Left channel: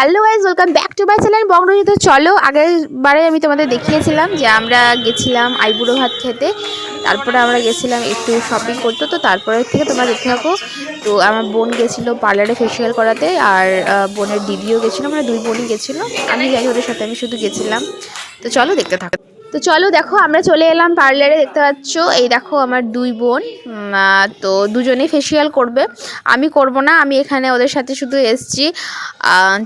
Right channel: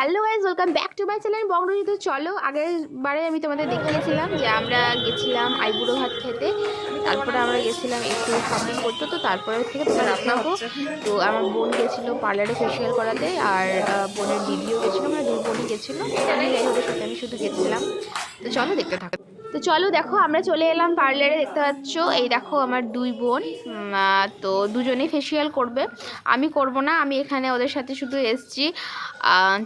Hello guys, welcome back to my channel Bongruji. তো চলো, আগের বারে আমি তোমাদের দেখিয়েছিলাম যে আমরা গেছিলাম আইবুড়ো ভাত খেতে। তারপরে আমরা গেছিলাম একটু শপিং করতে। তো তারপরে থেকে তোমরা দেখতে থাকো। তো আমার বোন গেছিলো পার্লারে ফেসিয়াল করাতে, আর বোনের দিদিও গেছিলো, মানে দুই বোনই গেছিলো। আমি জানি ওদের সাথে আমি শুধু গেছিলাম। তো চলো দেখতে থাকো। তো চলো দেখো, আমরা চলে এলাম পার্লারে। দেখতে পাচ্ছ, এই দেখো আমার দুই বোন। তো দুজনেই ফেসিয়াল করবে, আমি করব না, আমি এখানে ওদের সাথে শুধু এসছি।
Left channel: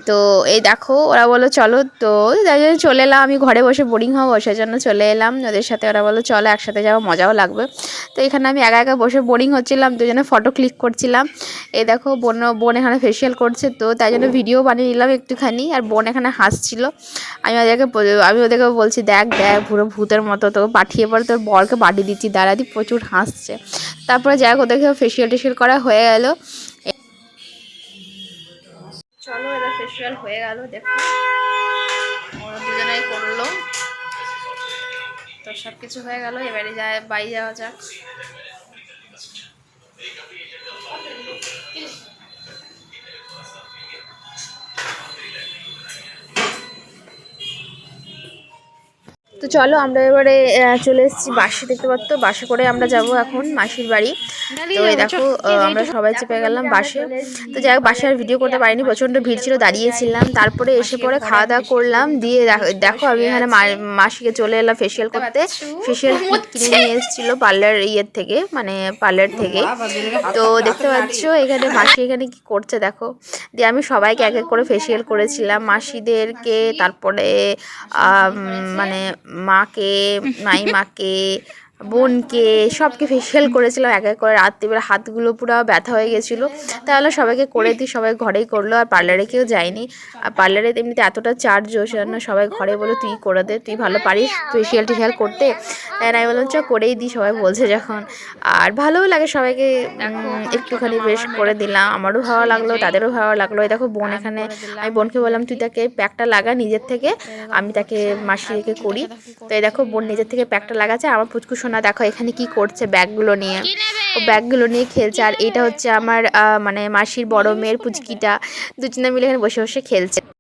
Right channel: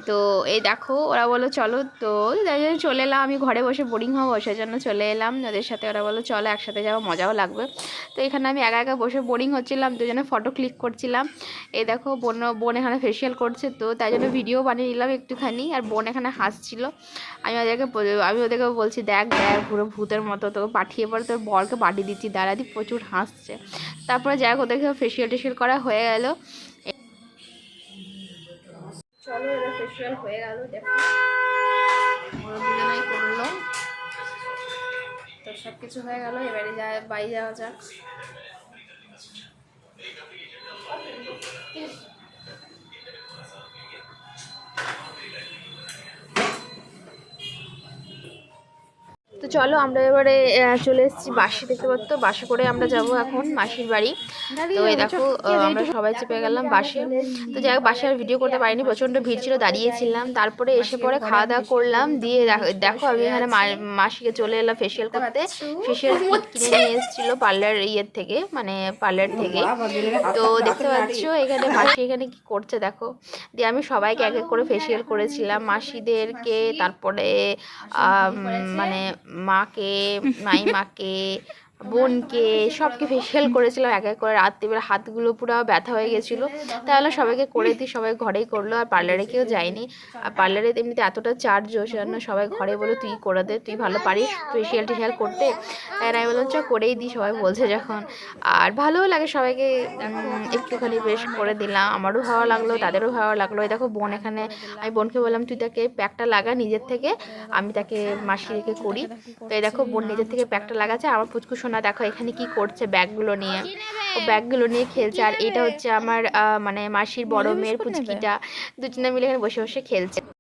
তো এই দেখো ওরা বললো চলো, তো যাই জন্য চলে এলাম। আমি ঘরে বসে বোরিং হবো, সেই জন্য চলে এলাম ওদের সাথে। ওরা বললো চলো একসাথে যাবো, মজাও লাগবে। তো এখানে আমি একা একা বসে বোরিং হচ্ছিলাম, দুজনে ফটো ক্লিক করছিলাম। এই দেখো বোন এখানে ফেসিয়াল করছে, তো তাই জন্য ভিডিও বানিয়ে নিলাম একটুখানি। আর বোন এখানে হাসছিল। আমি ওদেরকে বলছি, দেখ দেখ পুরো ভূতের মতো, তোকে পাঠিয়ে পরে তোর বরকে পাঠিয়ে দিচ্ছি, দাঁড়াদি প্রচুর হাসছে। তারপরে যাই হোক, ওদেরকে ফেসিয়াল টেসিয়াল করা হয়ে গেল। চলো, এবার ফেসিয়াল হয়ে গেল, দেখো ওরা দুজনে করলো। তো সব কিছু হয়ে গেল, এবারে বাড়ি যাওয়া যাক। তো চলো, আমরা এবারে চলে এসেছি বাসে। দেখতে পাচ্ছ, বাসে করে আমরা যাব এখন মাসির বাড়ি। তো এই দেখো আমরা সবাই চেপে গেলাম বাসে। তো যাই হোক, বাসে আর ভিডিও করতে পারিনি, প্রচণ্ড ভিড় ছিল, দাঁড়িয়েছিলাম। তারপরে এসে পরে খাওয়া দাওয়া করলাম, দিয়ে দেখো আমি এখানে মাসিকে চলে এলাম ফেসিয়াল করতে। ফেসিয়াল কিনে নিয়ে এসেছিলো পার্লার থেকে, মানে পার্লার থেকে। তো দেখতে পাচ্ছ এখানে মাসি এখানে কি করছে দেখো। দিয়ে আমি সবাইকে এক এক করে ফেসিয়াল করেছিলাম, মাসিদেরকে, তারপরে মানে মাকে, মাইমাকে, বোনকে, সবকে ফেসিয়াল করেছিলাম এক এক করে। রাত্রিবেলা হাতগুলো পুরো ব্যথা হয়ে গেছিলো, তাহলে সবাইকে করে দিই, সবাই ঘরেই করলো। আর পার্লারে কেউ যায়নি, আর পার্লারে এমনিতে এতটা চার্জ, সেজন্য সবাই ঘরে বলে তুই করে দে, তুই ভালো পারিস ফেসিয়াল টেসিয়াল করতে। তাই আমি বললাম চ করেই দিই, সবাই বলছে যখন। আর ভালোও লাগে সবাইকে একটুখানি বেশ করে দিলাম, আমারও ভালো লাগলো, তাদেরও ভালো লাগলো। এই দেখো বোন এখানে, আমি বোনকে বললাম তুই তাকে প্যাকটা লাগা নিজের থেকে, আমি তাকে মাসিকে করি। তো এই দেখো বোন নিজের থেকে প্যাকটা লাগাচ্ছে। আমার পুচকু সোনা দেখো এখানে কি করছে, ব্যাগগুলো নিয়ে, ও ব্যাগগুলো নিয়ে খেলছে। আর এটা হচ্ছে আমার মানে মাসির বড় মেয়ের পুচকিটা, দুজনে মিলে এখানে বসে বসে খেলছে।